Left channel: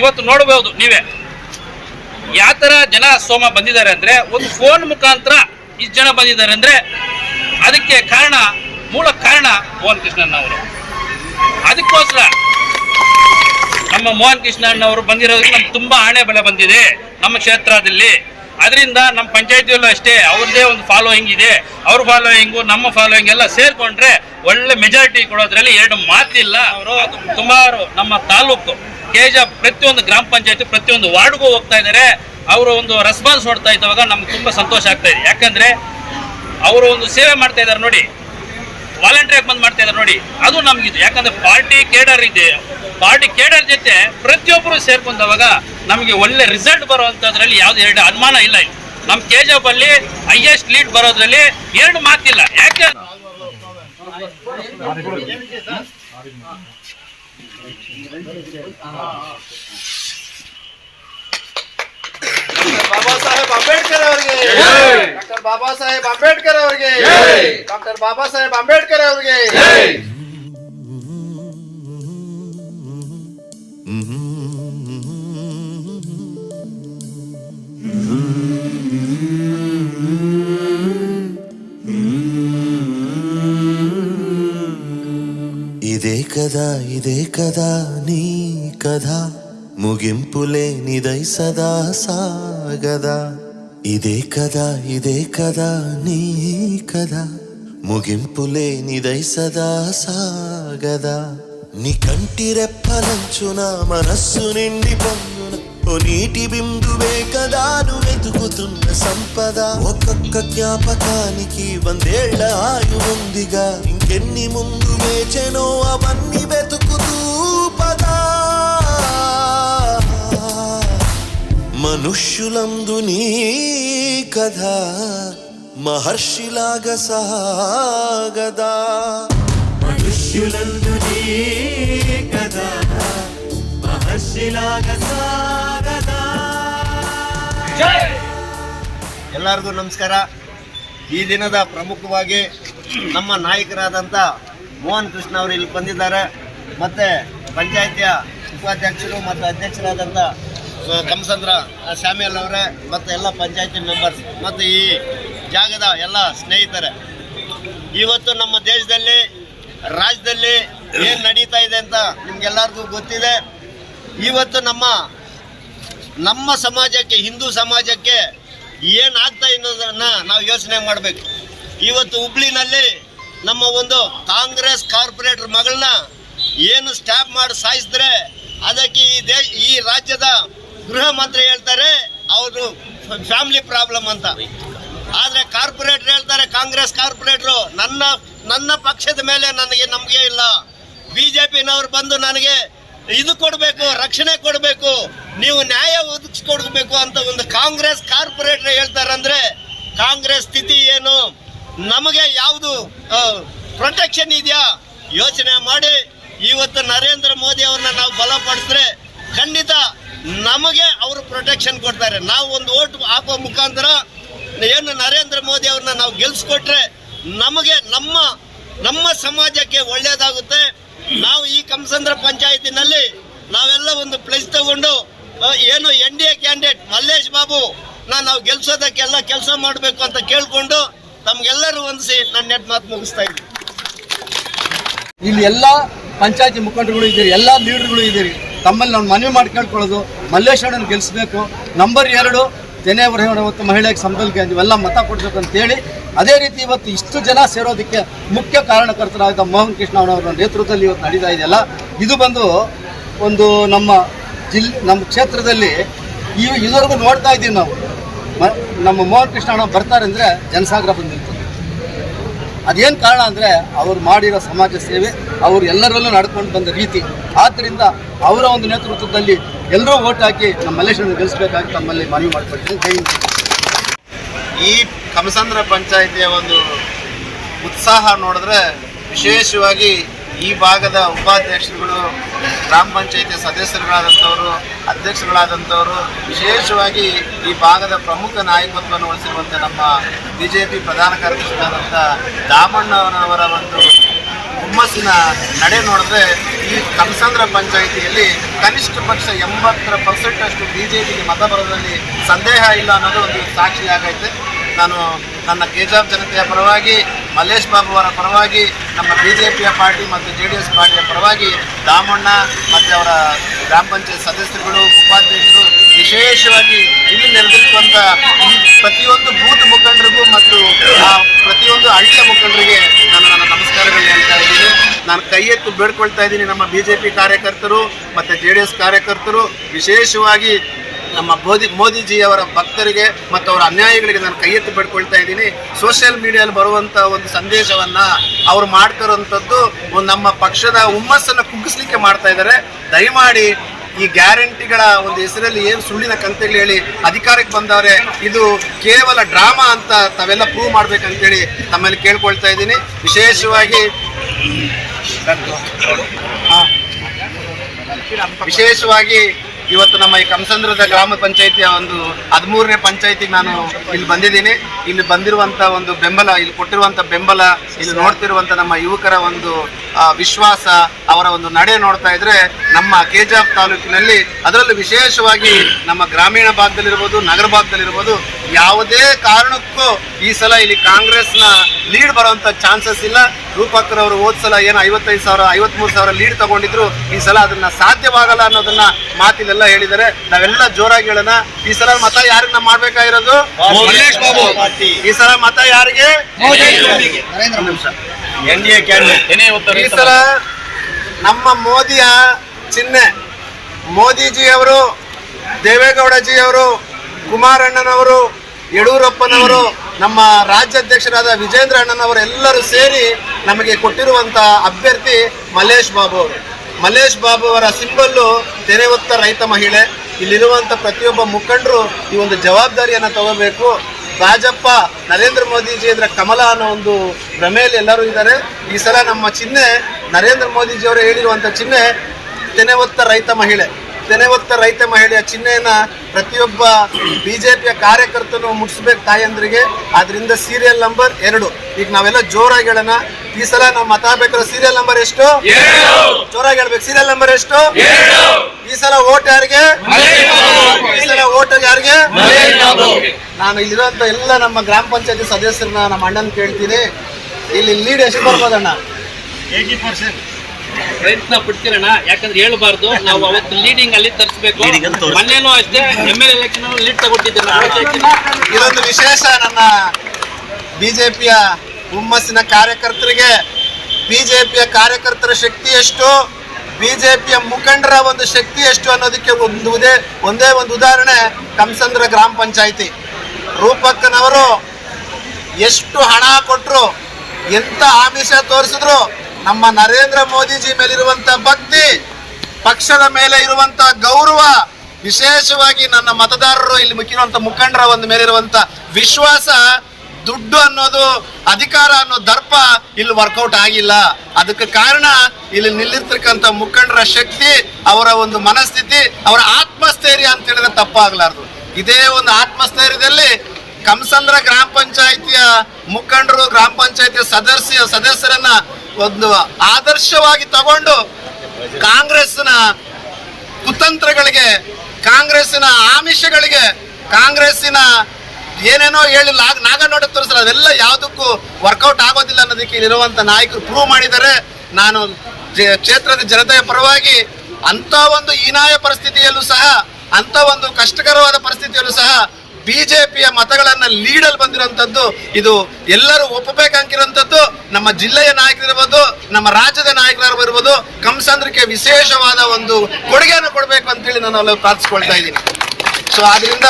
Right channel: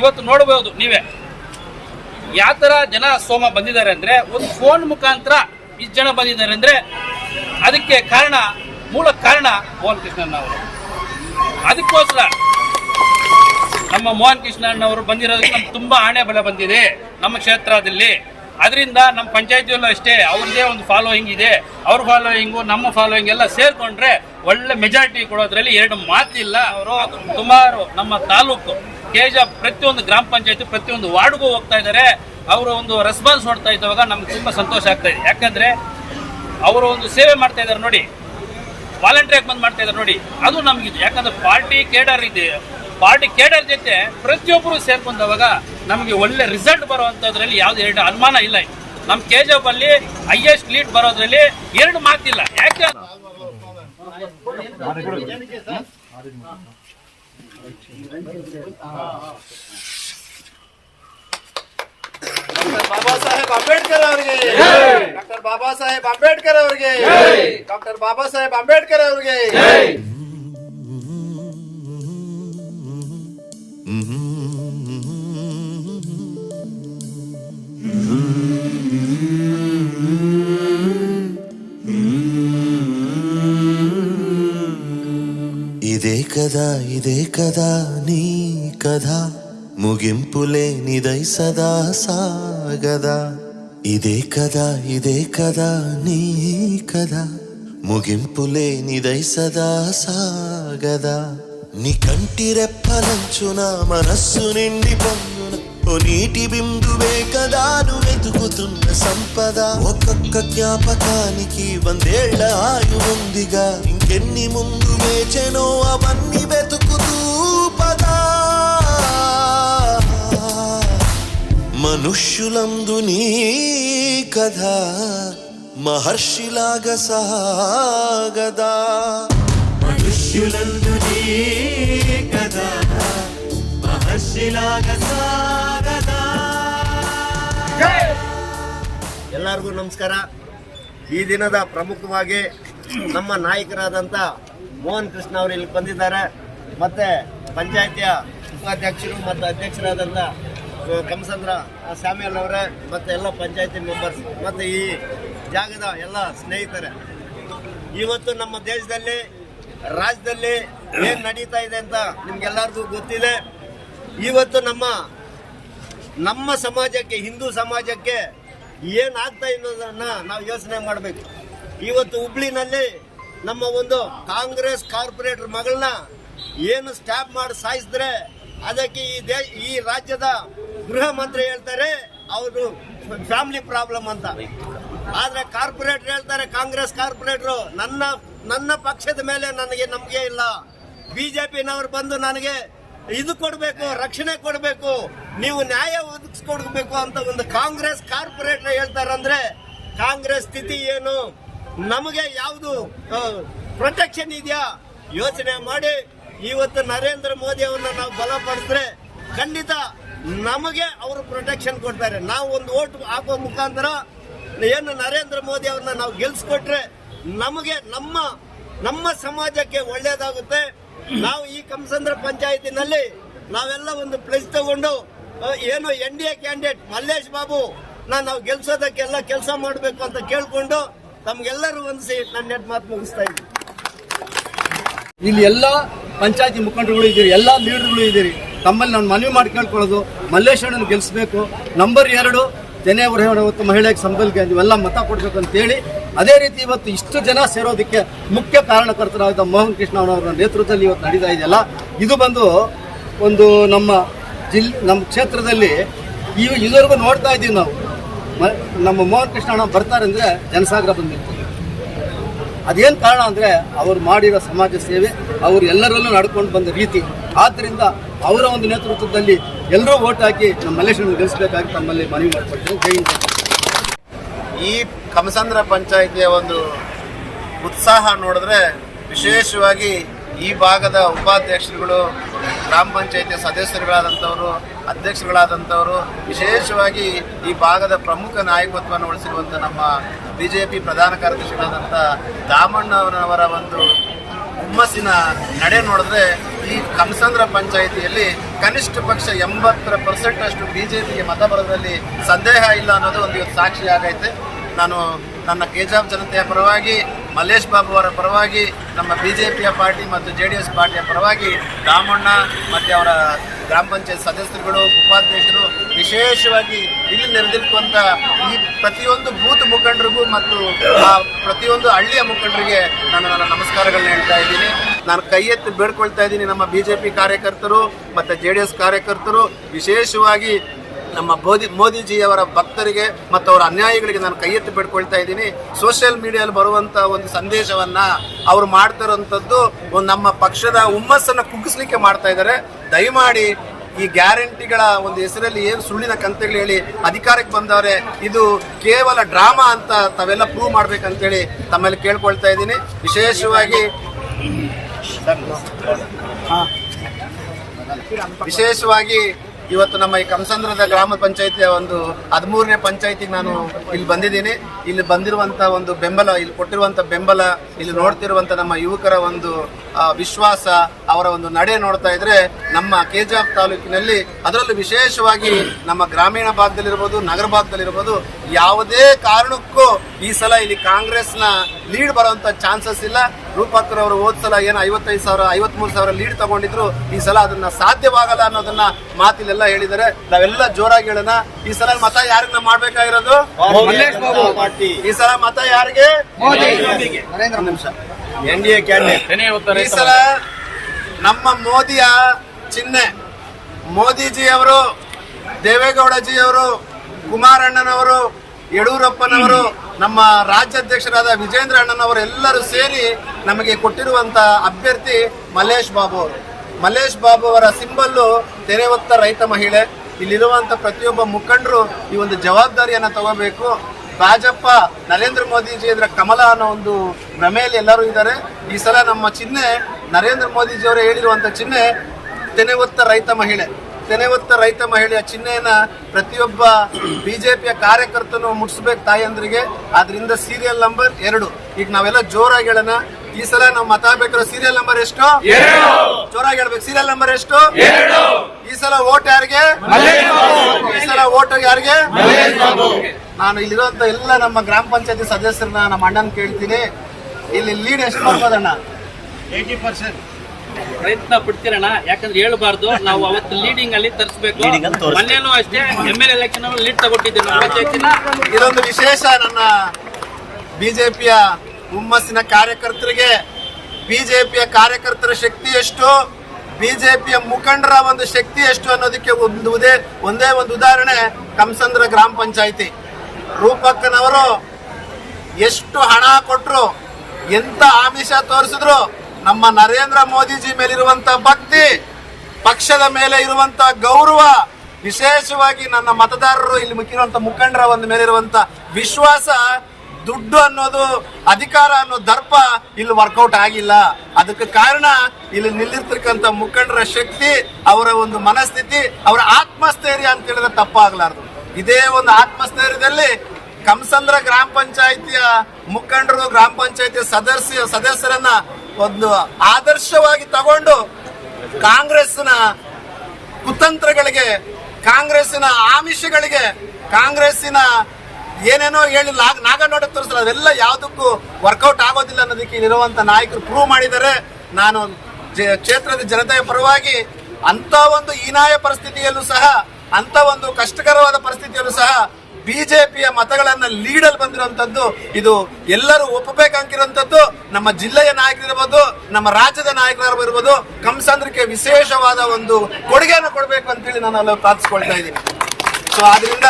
ಇವತ್ತು ನೋಡಬಹುದು ನೀವೇ. ಯಾವ ಥರ ಜನ ಸೋಮ ಬಂದಿದ್ದಾರೆ ಅಂದರೆ ಒಂದು ಫೋನ್ ಮುಖಾಂತರ ಇಷ್ಟು ಜನ ಬಂದಿದ್ದಾರೆ ಅಂದರೆ ಅದಕ್ಕೆ ಕಾರಣ ಮೂಲ ಕಾರಣ ಮೋಹನ್ ಕೃಷ್ಣನ್ ಅವರು ಅದಕ್ಕೋಸ್ಕರ ನಮ್ಮ ಮೋಹನ್ ಕೃಷ್ಣನ್ ಅವರು ಬಂದಿರೋದಕ್ಕೆ ನಮ್ಗೆ ತುಂಬ ಆಣೆ ಬೆಲೆ ಬಂದಿದೆ ನಮ್ಮ ಕ್ಷೇತ್ರದಲ್ಲಿ. ಅದರಿಂದ ನಮ್ಮ ಪಂಚಾಯತಿಯಲ್ಲೂ ಅಷ್ಟೇ ಅವ್ರದ್ದೇ ಒಂದು ಫಾಲೋಯಿಂಗ್ ಇದೆ. ಅವ್ರ ಫಾಲೋಯಿಂಗು ನಮ್ಮ ಫಾಲೋಯಿಂಗ್ ಎಲ್ಲ ಸೇರ್ಕೊಂಡ್ರೆ ಒಳ್ಳೆ ಮೆಜಾರಿಟಿ ಕೊಡೋದ್ರಲ್ಲಿ ಎರಡು ಮಾತಿಲ್ಲ. ಅವರು ಸುಮಾರು ನಮ್ಮ ತಾಲೂಕು. ಕೇಜ ಪ್ರತಿಯೊಂದು ಗ್ರಾಮ ಪಂಚಾಯತಿ ಪ್ರತಿಯೊಂದು ವಾರ್ಡ್ಗೂ ಹೋಗ್ತಾ ಇದ್ದಾರೆ. ಅವರ ಒಂದು ರೆಸ್ಪಾನ್ಸ್ ನೋಡ್ತಾ ಇದ್ದಾಗ ನಮ್ಗೆ ತುಂಬ ಸಂತೋಷ ಆಗ್ತಾ ಇದೆ. ಯಾಕಂದ್ರೆ ಅವರು ಒಂದು ಸೇವೆ ಮಾಡ್ತಾ ಇದ್ದಾರೆ ನೋಡಿ. ವಾಲಂಟಿಯರ್ ಬಂದು ಮಾಡ್ತಾ ಇದ್ದಾರೆ ನೋಡಿ. ಅದು ನಮ್ಗಿದು. ಯಾಕಂದ್ರೆ ಪಾರ್ಟಿ ಕೇಡರ್ ಇದೆ. ಪಾರ್ಟಿ ಕೇಡರ್ ಜೊತೆ ಪ್ರತಿಯೊಬ್ಬರು ಸೇರ್ಕೊಂಡವಾಗ ನಮಗೆ ಒಳ್ಳೆ ರಿಸಲ್ಟ್ ಬರುವಂಥದ್ರಲ್ಲಿ ಯಾವ್ದು ಎರಡು ಅನುಮಾನ ಇಲ್ಲ ಇದು ನಮ್ಮ ಕೆ ಜಿ ಅಲ್ಲಿ ಹೈಯೆಸ್ಟ್ ಲೀಡ್ ಬರೋದ್ರಲ್ಲಿ ಎರಡು ಮಾತಿಲ್ಲ. ಯಾಕೆ? ಬಾಬಾ ಸಾಹೇಬ್ ಅಂಬೇಡ್ಕರ್ ಅವರಿಗೆ ಡಾಕ್ಟರ್ ಬಾಬಾ ಸಾಹೇಬ್ ಅಂಬೇಡ್ಕರ್ ಅವರಿಗೆ ಡಾಕ್ಟರ್ ಬಾಬಾ ಸಾಹೇಬ್ ಅಂಬೇಡ್ಕರ್ ಅವರಿಗೆ కదా ఇదే కదా నీ కథ ముగింపులే నిదై సదా సాగదా. ఇదే కదా ఇదే కదా నీ కథ ముగింపులే నిదై సదా సాగదా. నీ కంటి రెప్పలంచున మనస్సు నిండి పొందున. ఓ నీటి బిందువే కదా నువ్వు వెతుకుతున్న సంపద. ఒక్కొక్క జ్ఞాపకానికి వందేళ్ళ ఆయు ఉందిగా ఇంకెన్ని ముందు వేచెనో అవన్నీ వెతుకుతూ పదా మనుష్యులందు నీ కథ మహర్షిలాగా సాగదా మనుష్యులందు నీ కథ మహర్షిలాగా సాగదా ಎಲ್ಲರಿಗೂ ನಮಸ್ಕಾರ ಈ ದಿನದ ಪ್ರಮುಖವಾಗಿ ನಮ್ಮ ನಾಯಕರಾದಂಥ ಮೋಹನ್ ಕೃಷ್ಣ ಅವರು ಇಲ್ಲಿ ಬಂದಿದ್ದಾರೆ. ಮತ್ತು ಪಂಚಾಯತಿಯ ಉಪಾಧ್ಯಕ್ಷರು ಮತ್ತು ಅಧ್ಯಕ್ಷರಾದಂಥ ಕಮಸಂದ್ರ ಶಾಮಿಯಲ್ ಅವರೇ ಮತ್ತು ಎಲ್ಲ ಪಂಚಾಯತಿ ಮೆಂಬರ್ಸ್ ಮತ್ತು ಈ ಜಾಗದ ಎಲ್ಲ ಸ್ನೇಹಿತರೆ. ಇವತ್ತು ನಮ್ಮ ದೇಶದಲ್ಲಿ, ರಾಜ್ಯದಲ್ಲಿ ಏನು ನಡೀತಾ ಇದೆ ಅಂತ ನಿಮ್ಗೆಲ್ಲರಿಗೂ ಗೊತ್ತಿದೆ. ಇವತ್ತು ನಮ್ಮ ನಮ್ಮ ಸಮಾಜಕ್ಕೆ, ಹಿಂದೂ ಸಮಾಜಕ್ಕೆ ಏನಾಗ್ತಾ ಇನ್ನೋದನ್ನು ನಾವು ಯೋಚನೆ ಮಾಡಬೇಕು. ಇವತ್ತು ಹುಬ್ಳಿನಲ್ಲಿ ನಮ್ಮ ಒಂದು ಕಾಂಗ್ರೆಸ್ ಕಾರ್ಪೊರೇಟರ್ ಮಗಳನ್ನ ಏನು ಸ್ಟ್ಯಾಪ್ ಮಾಡಿ ಸಾಯಿಸಿದ್ರೆ ಅದಕ್ಕೆ ಈ ದೇ, ಈ ರಾಜ್ಯದ ಗೃಹ ಮಂತ್ರಿ ಹೇಳ್ತಾರೆ, ಅವರು ಫ್ಯಾಮಿಲಿ ಪ್ರಾಬ್ಲಮ್ ಅಂತ. ಆದರೆ ಕಾರ್ಪೊರೇಟರ್ ಹೇಳ್ತಾರೆ, ಕಾಂಗ್ರೆಸ್ ಕಾರ್ಪೊರೇಟ್ರು, ನನ್ನ ನನ್ನ ಪಕ್ಷದ ಮೇಲೆ ನನಗೆ ನಮಗೆ ಇಲ್ಲ. ಬಿ ಜೆ ಪಿನವ್ರು ಬಂದು ನನಗೆ ಇದು ಕೊಡಬೇಕು, ರಕ್ಷಣೆ ಕೊಡಬೇಕು, ನೀವು ನ್ಯಾಯ ಒದಗಿಸ್ಕೊಡ್ಬೇಕು ಅಂತ ಒಂದು ಕಾಂಗ್ರೆಸ್ ಕಾರ್ಪೊರೇಟರ್ ಹೇಳ್ತಾರಂದ್ರೆ, ಕಾಂಗ್ರೆಸ್ ಸ್ಥಿತಿ ಏನು? ನಮಗೆ ಯಾವುದು ಪ್ರೊಟೆಕ್ಷನ್ ಇದೆಯಾ? ಯೋಚನೆ ಮಾಡಿ. ಇವತ್ತು ನರೇಂದ್ರ ಮೋದಿ ಅವ್ರನ್ನ ನಾವು ಬಲಪಡಿಸಿದ್ರೆ ಖಂಡಿತ ನಮಗೆ ಅವರು ಪ್ರೊಟೆಕ್ಷನ್ ಕೊಡ್ತಾರೆ. ನಾವು ಒಂದು ಓಟ್ ಹಾಕೋ ಮುಖಾಂತರ ಏನು ನರೇಂದ್ರ ಮೋದಿ ಅವ್ರನ್ನ ನಾವು ಗೆಲ್ಸ್ಕೊಟ್ರೆ ನಮಗೆ ನಮ್ಮ ನಮ್ಮ ಸಮಾಜಕ್ಕೆ ಒಳ್ಳೇದಾಗುತ್ತೆ. ನಾವು ಈ ಕಮಸಂದ್ರ ಪಂಚಾಯತಿನಲ್ಲಿ ನಾವೆಲ್ಲ ಒಂದು ಪ್ಲೇಸ್ ತಗೊಂಡು ಏನು N D A candidate Mallesh Babu, ನಾನು ನಾವು ಗೆಲ್ಸೋದಕ್ಕೆಲ್ಲ ಕೆಲಸ ಮಾಡಬೇಕು ಅಂತ ಕೇಳಿಕೊಂಡು ತಮ್ಗೆಲ್ಲರೂ ಹೊಂದಿಸಿ ನನ್ನ ನೆಟ್ ಮಾತು ಮುಗಿಸ್ತಾ ಇದ್ದೀನಿ. ಇಲ್ಲಿ ಎಲ್ಲ ಪಂಚಾಯತಿ ಮುಖಂಡರುಗಳು ಇದ್ದೀರಿ, ಎಲ್ಲ ಲೀಡರ್ಗಳು ಇದ್ದೀರಿ. ತಮ್ಮಲ್ಲಿ ನಾನು ಮನವಿ ಮಾಡಿ ಕೇಳ್ಕೊಳ್ಳೋದು ಅಣ್ಣನ ಗೆಲ್ಲಿಸಬೇಕು ನಂಬರ್ ಎರಡು ಜನೇ ಇವತ್ತು ಮಹಿಳೆಗೆ ಸಂಬಲ್ಗೆ ಇವೆಲ್ಲ ಮತ ಕೊಡಬೇಕು ಅಂತೇಳಿ ಅದೇ ರೀತಿ ಇವತ್ತು ಇಷ್ಟು ಜನ ಸೇರೋದಕ್ಕೆ ಮುಖ್ಯ ಕಾರಣಕರ್ತರಾದ ಮೋಹನ್ ಕೃಷ್ಣ ಅವರ ನೇತೃತ್ವದಲ್ಲಿ ಇವತ್ತು ನಡೀತಾ ಇದೆಯಲ್ಲ, ಇದು ಬಂದು ಒಂದು ನಮ್ಮ ಜಿಲ್, ನಮ್ಮ ಕ್ಷೇತ್ರದಲ್ಲಿ ಈ ಇದುವರೆಗೂ ನೋಡ್ತಾ ಇದ್ದೀವಿ ನಾವು. ಮ- ನಮ್ಮ ಮೋಹನ್ ಕೃಷ್ಣ ಅಣ್ಣ ಬರ್ತಾರೆ ಅಂದರೆ ಜನಸಾಗರ ಬಂದಿರ್ತದೆ ಅದೇನು ಕಾರಣ ಅಂದರೆ ಅವರು ಮಾಡಿರೋ ಸಮಾಜ ಸೇವೆ, ಅವರು ಎಲ್ಲರಲ್ಲೂ ನಡ್ಕೊಂಡು ಬಂದ ರೀತಿ. ಆದ್ದರಿಂದ ಅವರ ಒಂದು ನೇತೃತ್ವದಲ್ಲಿ ಎಲ್ಲರೂ ಓಟ್ ಹಾಕಿ ನಮ್ಮ ಮಲ್ಲೇಶ್ವರನ ಗೆಲ್ಲಿಸಬೇಕಾಗಿ ತಮ್ಮಲ್ಲಿ ಮನವಿ ಮಾಡಿಕೊಳ್ತೀನಿ. ಜೈ ಹಿಂದ್. ಈ ಕಮಸಂದ್ರ ಪಂಚಾಯಿತಿಯ ಒಂದು ಉತ್ಸಾಹ ನೋಡಿದ್ರೆ ವಿಶೇಷವಾಗಿ ಈ ಭಾಗದ ಉಪಾಧ್ಯಕ್ಷರುಗಳು ಗ್ರಾಮ ಪಂಚಾಯಿತಿ ಸದಸ್ಯರುಗಳಾದಂಥವರು, ಅಧ್ಯಕ್ಷರುಗಳಾದಂಥವರು, ವಿಶೇಷವಾಗಿ ಈ ಭಾಗದ ಪ್ರಮುಖ ನಾಯಕತ್ವವನ್ನು ವಹಿಸಿರುವಂಥ ನಮ್ಮ ಬಿ ಜೆ ಪಿ ಪ್ರಧಾನ ಕಾರ್ಯದರ್ಶಿಯಾದಂಥ ದಾಮಣ್ಣವರವರ ಒಂದು ಹುಮ್ಮಸ್ಸಿನ ನಡೆ ನೋಡಿದ್ರೆ ಈ ಕನಸಂದ್ರ ಪಂಚಾಯಿತಿಯಲ್ಲಿ ಕನಿಷ್ಠ ಪಕ್ಷ ಎಂಬತ್ತರ ಪರ್ಸೆಂಟ್ ಅಷ್ಟು ಬಿ ಜೆ ಪಿಗೆ ಮತ ಬರೋದ್ರಲ್ಲಿ ಸಂದೇಹ ಇಲ್ಲ ಅನ್ನೋದು ಒಂದು ಸಾಕ್ಷಿ ಆಗೈತೆ. ನಾನು ನನ್ನ ಕೇಜಾಬ್ ಜನತೆಯ ಪರವಾಗಿ ಮಲ್ಲೇಶ್ ಬಾಬು ಅವರ ಪರವಾಗಿ, ನಮ್ಮ ಬಿ ಜೆ ಪಿಯ ಪಾರ್ಟಿ ಮತ್ತು ಜೆ ಡಿ ಎಸ್ ಪಾರ್ಟಿಯ ಪರವಾಗಿ ರಾಮಣ್ಣ ಮತ್ತು ಅವರ ಗ್ರಾಮ ಪಂಚಾಯತ್ ಸದಸ್ಯರುಗಳು, ಉಪಾಧ್ಯಕ್ಷರು ವಿಶೇಷವಾಗಿ ಇಲ್ಲಿ ನೆರೆದಿರುವಂಥ ಈ ಪ್ರತಿಯೊಂದು ಬೂತ್ ಮುಖಂಡರಿಗೂ ಮತ್ತು ಪ್ರತಿಯೊಂದು ಹಳ್ಳಿಯ ಮುಖಂಡರಿಗೆ ನಾನು ನನ್ನ ನಮಸ್ಕಾರಗಳನ್ನ ಹೇಳ್ತಾ ಇದ್ದೀನಿ. ನಾನು ಕೈ ಎತ್ತಿ ಬೇಡ್ಕೊಳ್ತಾ ಇದ್ದೀನಿ ನಮ್ಮ ಬಿ ಕಾರ್ಯಕರ್ತರು ಮತ್ತು ಜೆ ಡಿ ಎಸ್ ಕಾರ್ಯಕರ್ತರು. ವಿಶೇಷವಾಗಿ ನಮ್ಮ ಮೋದಿ ಮೋದಿಜಿಯವರ ಭಕ್ತರಿಗೆ ಮತ್ತು ಅವರ ಅನ್ಯಾಯಗಳಿಗೆ ನಾನು ಕೈ ಎತ್ತಿ ಬಿಡ್ಕೊಳ್ತಾ ಇದ್ದೀನಿ. ಸೋಷಿಯಲ್ ಮೀಡಿಯಲ್ಲಿ ಬರುವಂಥ ಒಂದು ಸಂದೇಶವನ್ನು ಅವರು ಮಾಡ್ತಿರೋಂಥದ್ದು ಒಂದು ನಮ್ಮ ಪಕ್ಷದ ಹುಮ್ಮಸ್ಸನ್ನು ಕುಗ್ಗಿಸ್ಲಿಕ್ಕೆ ಮಾಡ್ತಾ ಇದ್ದಾರೆ. ದಯಮಾಡಿ ಈ ಗ್ಯಾರಂಟಿಗಳ ಒಂದು ಹೆಸರಲ್ಲಿ ಏನು ಸುಳ್ಳಿನ ಕಂತೆಗಳು ಹೇಳಿ ಅಧಿಕಾರಕ್ಕೆ ಬಂದವರೆ, ಇದು ಕೇವಲ ಡ್ರಾಮಾ ಅಂತ ತಾವೆಲ್ಲ ಪ್ರೂವ್ ಮಾಡ್ಬೇಕಂತೇಳಿ ತಮ್ಮಲ್ಲಿ ಕೇಳ್ಕೊಳ್ತಾ ಇದ್ದೀನಿ. ವಿಶೇಷವಾಗಿ ವಿಶೇಷವಾಗಿ ಇವತ್ತು ನಮ್ಮ ಈ ಕಂಸಂದ್ರದ ಗ್ರಾಮ ಪಂಚಾಯಿತಿಯ ಒಂದು ಹದಿಮೂರನೇ ಪಂಚಾಯಿತಿಗೆ ನಾನು ಇಲ್ಲಿ ಬಂದಿದ್ದೀನಿ. ಇಲ್ಲಿ ಬಂದಿರುವಂಥ ಒಂದು ಬೆಂಬಲ, ಇಲ್ಲಿ ಕೊಟ್ಟಿರುವಂಥ ಬೆಂಬಲ, ಇಲ್ಲಿ ನೋಡ್ತಿರುವಂಥ ನಮ್ಮ ಯುವಕರ ಒಂದು ವಿಶ್ವಾಸ, ಅವರ ಒಂದು ನಡೆ ನೋಡ್ತಾ ಇದ್ರೆ ನಮ್ಮ ಕೆಜಾಫ್ ತಾಲೂಕಿನಲ್ಲಿ ಅದರಲ್ಲೂ ವಿಶೇಷವಾಗಿ ನಮ್ಮ ಗ್ರಾಮೀಣ ಭಾಗದಲ್ಲಿರ್ಬೋದು, ನಗರ ಭಾಗದಲ್ಲಿರ್ಬೋದು ಯಾವುದೇ ಕಾರಣಕ್ಕೂ ಈ ಸಲ ಇಲ್ಲಿ ಕಾಂಗ್ರೆಸ್ನ ಲೀಡ್ ಬರುವಂಥ ಚಾನ್ಸಸ್ ಇಲ್ಲ. ರೂಪಾಕರ್ ಅವರು ಹೋದ್ ಸಲ ಏನು ಐವತ್ತೈದು ಸಾವಿರ ಐವತ್ಮೂರು ಸಾವಿರ ಲೀಡ್ ತಗೊಂಡಿದ್ರು. ಈ ಸಲ ಅದನ್ನ ಸಾಧ್ಯವಾಗಲ್ಲ ಅನ್ನೋದನ್ನ ಮಾತಿಲೆಲ್ಲ ಹೇಳಿದ್ದಾರೆ. ನಾವೆಲ್ಲ ಜೋರಾಗಿ ಹೇಳೋಣ. ಈ ಸಲ ಮತ ಯಾರಿಗೆ ನಾವು ಮಾಡ್ಬೇಕಾಗಿರೋದು? ಈ ಸಲ ಮತ ಯಾರಿಗೆ? ನಿಮಿಷ ಎನ್ ಡಿ ಎ ಕ್ಯಾಂಡಿಡೇಟ್. ಈ ಸಲ ನಮ್ಮ ಮೋದಿಯ ಚಿಹ್ನೆ ಮೋದಿಜಿಯವರು ದೇವೇಗೌಡಜಿಯವರು ಕುಮಾರಣ್ಣನವರು ಯಡಿಯೂರಪ್ಪನವರು ನಮ್ಮ ರಾಜ್ಯಾಧ್ಯಕ್ಷರಾದ ವಿಜೇಂದ್ರ ಅಣ್ಣನವರು ಎಲ್ಲರೂ ಸೇರಿ ನಮಗೆ ಕೊಟ್ಟಿರುವಂಥ ಅಭ್ಯರ್ಥಿ ಮಲೇಶ್ ಬಾಬು ಅವರು. ಮಲೇಶ್ ಬಾಬು ಅವರ ಸಿಂಬಲ್ಲು ತೆರೆ ಹೊತ್ತ ರೈತ ಮಹಿಳೆ. ಇಲ್ಲಿರುವಂಥ ಪ್ರತಿಯೊಬ್ಬ ಮುಖಂಡರು ಈ ಒಂದು ಜವಾಬ್ದಾರಿಯನ್ನು ತಗೋಬೇಕು. ರಾಜಪ್ಪ, ನರೇಂದ್ರ ಮೋದಿಜಿ ಅಂದ್ರೆ ಕಮಲ ಅನ್ನೋ ಒಂದು ಭ್ರಮೆಯಲ್ಲಿ ಎಲ್ಲರೂ ಇದ್ದಾರೆ. ಈ ಸಲ ನಮ್ಮ ಚಿಹ್ನೆ ನರೇಂದ್ರ ಮೋದಿಜಿ ಅವರು ಹೇಳಿರುವಂಥ ಚಿಹ್ನೆ ತೆನೆ ಹೊತ್ತ ರೈತ ಮಹಿಳೆ. ತೆನೆ ಹೊತ್ತ ರೈತ ಮಹಿಳೆಯ ಚಿಹ್ನೆಯನ್ನ ಪ್ರತಿಯೊಬ್ಬ ಬಿಜೆಪಿಯ ಕಾರ್ಯಕರ್ತನು ಮುಟ್ಟಿಸ್ಬೇಕು ತಾಯಂದ್ರಿಗೆ. ಅದರಿಂದ ಸೀರಿಯಲ್ ನಂಬರ್ ಎರಡು. ಈಗ ನಾವೆಲ್ಲ ಜೋರಾಗಿ ಹೇಳೋಣ. ಈ ಸಲ ನಾವು ಮತ ಬೇಕಾದ್ರೆ ಸೀರಿಯಲ್ ನಂಬರ್ ಎಷ್ಟು? ಜೋರಾಗಿ ಹೇಳ್ಬೇಕು. ಸೀರಿಯಲ್ ನಂಬರ್ ಎಷ್ಟು? ಈ ಸಲ ಓಟ್ ಯಾರಿಗೆ? ಈ ಸಲ ಓಟ್ ಯಾರಿಗೆ? ನಾನು ಇಲ್ಲಿರುವಂತ ಎಲ್ಲ ನಮ್ಮ ಗ್ರಾಮ ಪಂಚಾಯತಿ ಸದಸ್ಯರನ್ನ, ನಮ್ಮ ಅಣ್ಣನ ಕೇಳ್ತೀನಿ. ಇಲ್ಲಿ ಲೀಡ್ ಎಷ್ಟು ಬರ್ಬೋದಣ್ಣ ಪ್ರಯತ್ನ ಪಡ್ತಿರೋಣ ಯಾಕಂದ್ರೆ ಹೇಳ್ಬಾರ್ದು ನಾವು ಅವತ್ತು ಲೀಡಿಂಗ್ ಅಲ್ಲಿ ತರಿಸ್ಬೇಕು. ಮೊನ್ನೆನೂ ಅಷ್ಟೇ ಎಂ ಎಲ್ ಎಲೆಕ್ಷನ್ ಲೀಡ್ ಪಂಚಾಯತಿನ ಇದೊಂದು ವಿಶೇಷ ನನ್ನ ಬಿಜೆಪಿಯ ಹುಮ್ಮಸ್ಸಿನ ಕಾರ್ಯಕರ್ತರಿಗೆ. ಬಿಜೆಪಿಯ ಕಾರ್ಯಕರ್ತರ ಶಕ್ತಿ ಎಷ್ಟು? ಬಿಜೆಪಿಯ ಮುಖಂಡರ ಒಂದು ಶಕ್ತಿ ಎಷ್ಟು ಅನ್ನೋದಕ್ಕೆ ಒಂದು ಉದೇ ಒಂದೇ ಒಂದು ಉದಾಹರಣೆ ಕಂಸಂದ್ರ ಗ್ರಾಮ ಪಂಚಾಯಿತಿ. ರೂಪಕ್ಕನವರು ಎಷ್ಟು ಹಣ ಕೊಟ್ಟರು ಎಂಥ ಆಮಿಷ ತೋರಿಸಿದ್ರು ನಮ್ಮ ನರೇಂದ್ರ ಮೋದಿಜಿ ಮೇಲಿರುವಂತ ಭಕ್ತಿ, ಪಕ್ಷದ ಮೇಲೆ ಇರುವಂತ ಗೌರವ, ವಿಶೇಷವಾಗಿ ನನ್ನ ಮತದಾರರು ಇಲ್ಲಿ ಮುಖ್ಯವಂತ ಮುಖಂಡರ ಒಂದು ಮೇಲಿರುವಂತ ವಿಶ್ವಾಸ, ದುಡ್ಡು ಅನ್ನೋದು, ಅಧಿಕಾರ ಅನ್ನೋ ದರ್ಪ ಇಲ್ಲಿ ವರ್ಕೌಟ್ ಆಗಿಲ್ಲ. ಅದಕ್ಕೆ ಕಾರಣ ಇಲ್ಲಿ ನಿಲ್ಲಿರ್ತಕ್ಕಂಥ ಮುಖಂಡರ ಶಕ್ತಿ, ಅವರ ಒಂದು ಮನಸ್ಥಿತಿ, ಅವರ ಆತ್ಮಸ್ಥೈರ್ಯ ಅಂತ ಹೇಳಿದ್ರೆ ತಪ್ಪಾಗಲಾರದು. ಇದೇ ಒಂದು ಆತ್ಮಸ್ಥೈರ್ಯದಲ್ಲಿ ಕಂಸಂದ್ರ ಗ್ರಾಮ ಪಂಚಾಯಿತಿಯ ಮುಖಂಡರು, ಗ್ರಾಮ ಪಂಚಾಯಿತಿಯ ಸದಸ್ಯ, ಸದಸ್ಯರನ್ನ ಒಂದು ಆದರ್ಶವಾಗಿ ತಗೊಂಡು ಕಾಂಗ್ರೆಸ್ನ ಕುತಂತ್ರಗಳಿಗೆ ಕಾಂಗ್ರೆಸ್ಸಿನ ಆಮಿಷಗಳಿಗೆ, ಕಾಂಗ್ರೆಸ್ಸಿನ ಏನೇನೋ ಹೇಳಿ ನಾಗ, ನಾಗನೋಟ ತೋರಿಸಲ್ಲ ಅದೆಲ್ಲ ಯಾವುದಕ್ಕೂ ವರ್ಕೌಟ್ ಆಗೋದಿಲ್ಲ ಅನ್ನೋದಕ್ಕೆ ಇಲ್ಲಿರುವಂಥ ನಾಯಕರು ಪ್ರೂವ್ ಮಾಡಿದ್ದಾರೆ. ನಾನು ಕ್ಷೇತ್ರದ ಜನತೆಯ ಪರವಾಗಿ ಅಂಥ ಒಂದು ಹೀನಾಯ ಪರಿಸ್ಥಿತಿಯಲ್ಲೂ ಸಹ, ಅಂಥ ಒಂದು ಕಷ್ಟಕರವಾದ ಪರಿಸ್ಥಿತಿಯಲ್ಲೂ ಸಹ ಬಿಜೆಪಿಯ ಮತಗಳನ್ನ ಲೀಡಲ್ಲಿ ಬಂದಿರುವಂಥದ್ದು ಇದು ಎಲ್ಲರೂ ಒಪ್ಪಬೇಕಂತಿರುವಂಥದ್ದು ನಮ್ಮ ಜಿಲ್ಲೆಯ ನಾಯಕರಿರ್ಬೋದು, ನಮ್ಮ ರಾಜ್ಯದ ನಾಯಕರಿರ್ಬೋದು ಕಂಸಂದ್ರಕ್ಕೆ ವಿಶೇಷವಾದ ಒಂದು ಕೊಡುಗೆಯನ್ನು ಕೊಡಬೇಕು ಅಂತೇಳಿ ನಾನು ಅಲ್ಲಿ ಪ್ರಾರ್ಥಿಸ್ಕೊಳ್ತಾ ಇದ್ದೀನಿ. ಸೊ ಆದ್ರಿಂದ